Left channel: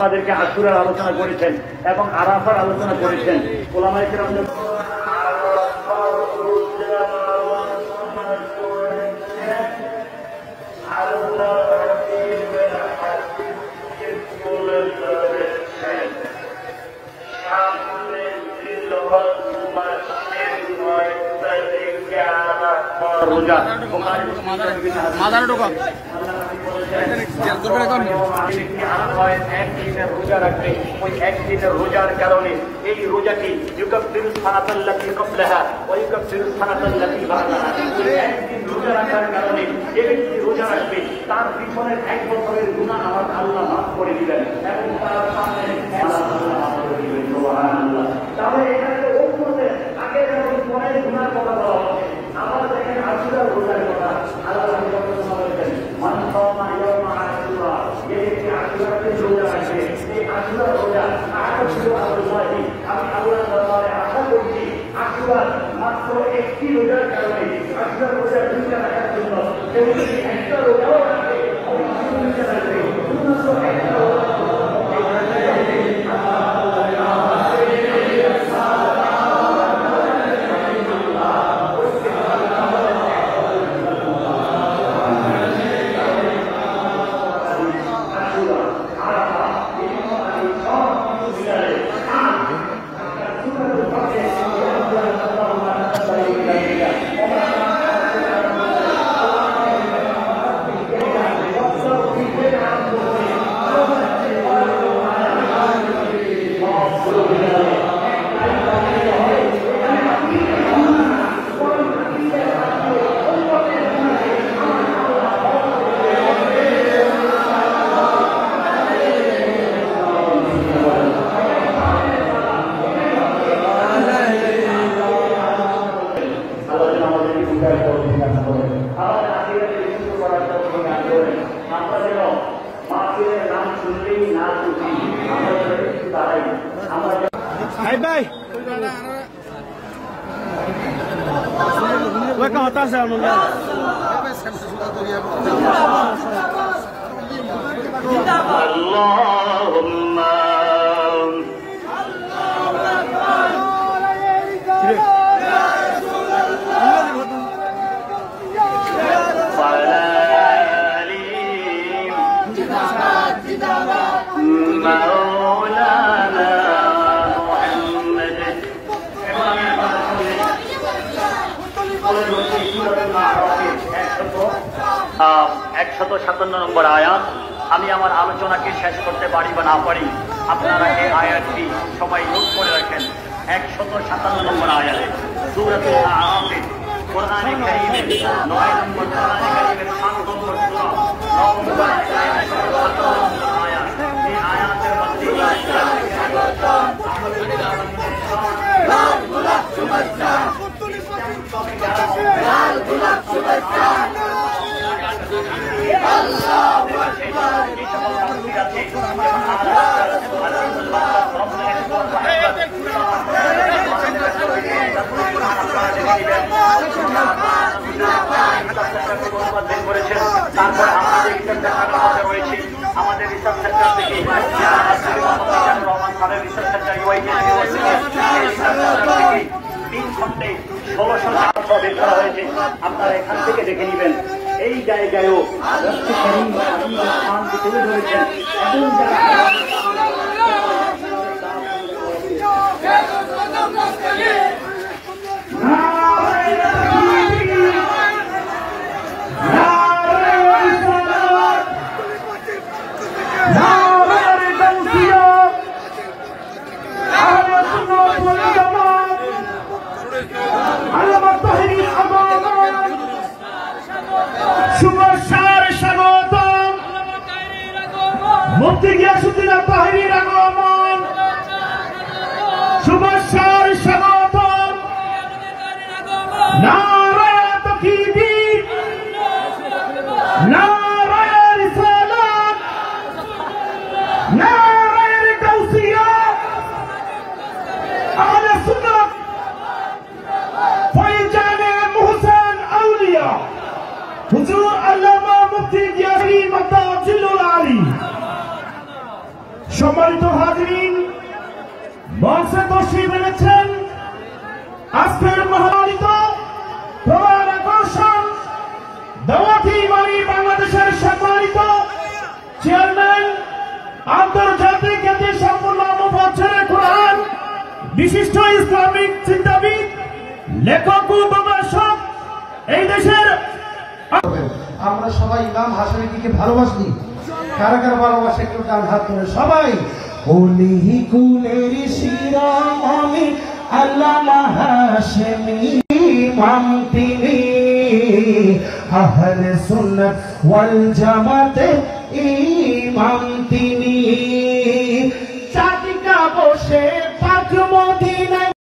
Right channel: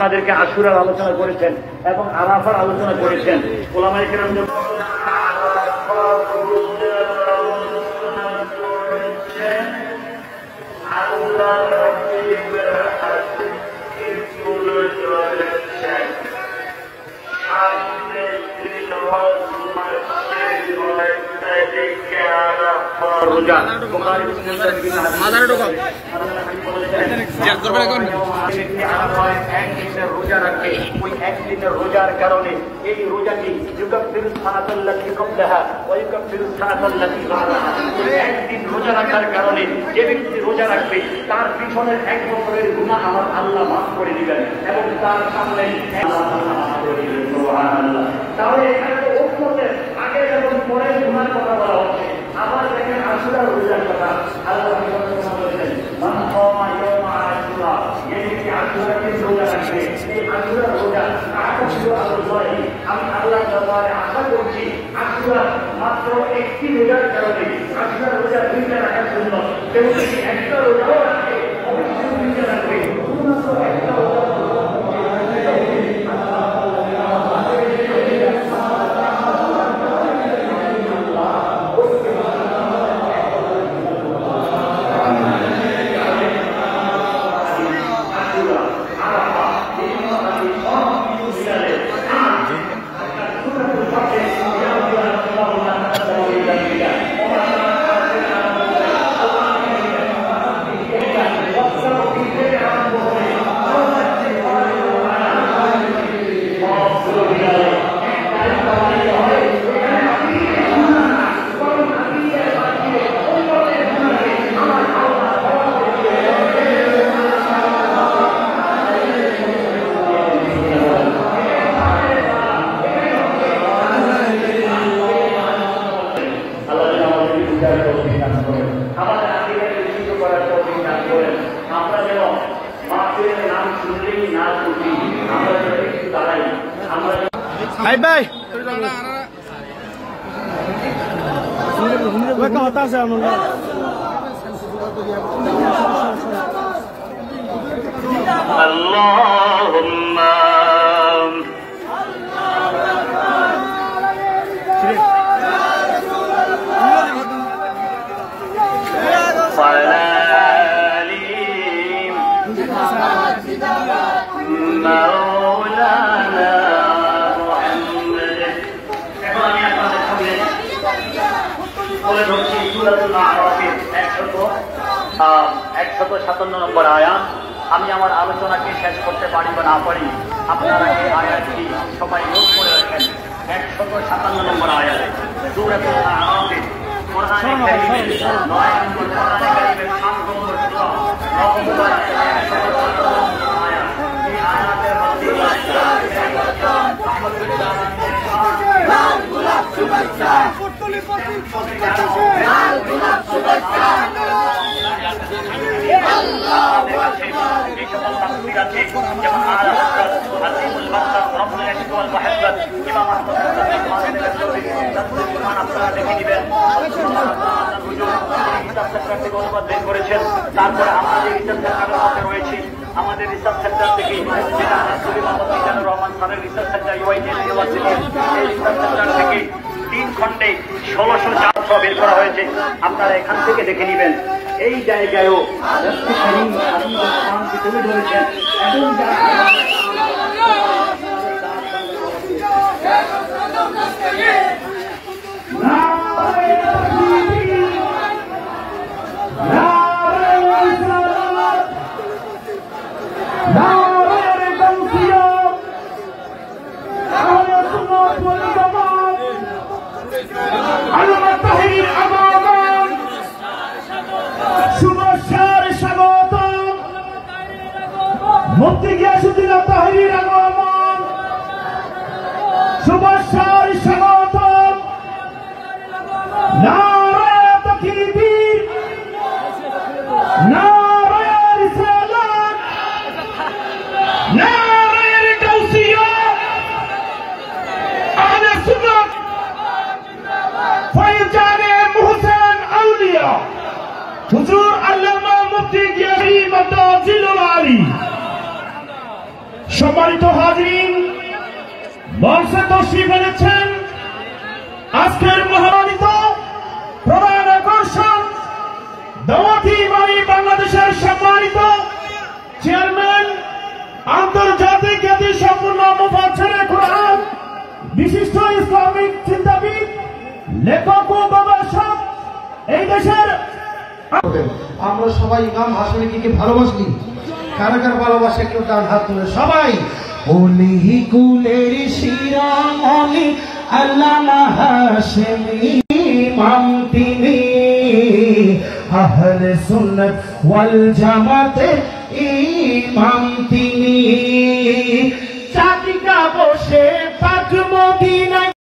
আমাদেরকে আশুরার আলোচনা করেছেন এবং আরাফার আলোচনা করেছেন। ওলামায়ে কেরাম রোজা রাখে, ওই একদিনের রোজার কারণে এই রোজাটি একদিন রোজা রাখার কারণে যে ব্যক্তি রোজা রাখবে তার পিছনের এক বছরের গুনাহ আমার আল্লাহ মাফ করে দিবেন এবং তার সামনে তাহলে এখানে ওপরে আগে যখন পরে গুনার কথা বলা হচ্ছে, আবার দেখেন আশুরার রোজার কথা আল্লাহ বলেছেন আমি আল্লাহ দরবারে আশা করছি আশুরার মাত্র একটি রোজার কারণে আশুরার রোজা দুইটা রাখার জন্য কেউ যদি একটা রোজাও রাখে দুইটা রাখবে একটা Hai bay, gue kau atas ya nunda. Allahumma নম্বর আয়াত। আমি আমার আলোচনাকে শেষ করতে পারি বা না পারি, আপনারা এই আয়াতটি সবাই নোট করে রাখেন। 157 নম্বর আয়াত সূরাতুল আরাফে কোরআনে কারীমের 9 নম্বর আয়াতের 7 নম্বর সূরা করেছেন। তারপরে আমাদের রয়েছে আমাদের রিসার্চ সেন্টার থেকে রহমান খানের রিসার্চ সেন্টার থেকে 3 খন্ডে 1600 বের করা হয়েছে। আপনারা এখান থেকে দেখে নেবেন। এই জায়গায়ও তুলে ধরেছেন এবং মুফতি গিয়াসউদ্দিন তাহির আগমন, শুভেচ্ছার স্বাগতম। নারায়ে তাকবীর, নারায়ে রিসালাত, নারায়ে গাউসিয়া, আহলে সুন্নাত ফয়জানে মুহসিন আউলিয়া হুজুর আল্লামা মুফতি গিয়াসউদ্দিন তাজিলুল আলী সম্মানিত হাজিরিন, মঞ্চে তশরিফ এনেছেন আজকের মহানিত প্রধান আকর্ষণ দাওয়াতি ইমামি বাংলাদেশের সম্মানিত চেয়ারম্যান, আন্তর্জাতিক খ্যাতি সম্পন্ন মুফাসসিরে কোরআন, বিশিষ্ট ইসলামিক চিন্তাবিদ, লেখক ও গবেষক, এই দেশের। আমরা সবাই ইমাম হাসানীকে ভালোবাসি। কারা কারা ভালোবাসে কেউ তার হাত তুলে সবাই। ওলি কুলের শিরোমণি আল্লামা হাশেমি ইমাম তিনি, আহলে সুন্নাত ওয়াল জামাতের ইমাম তিনি।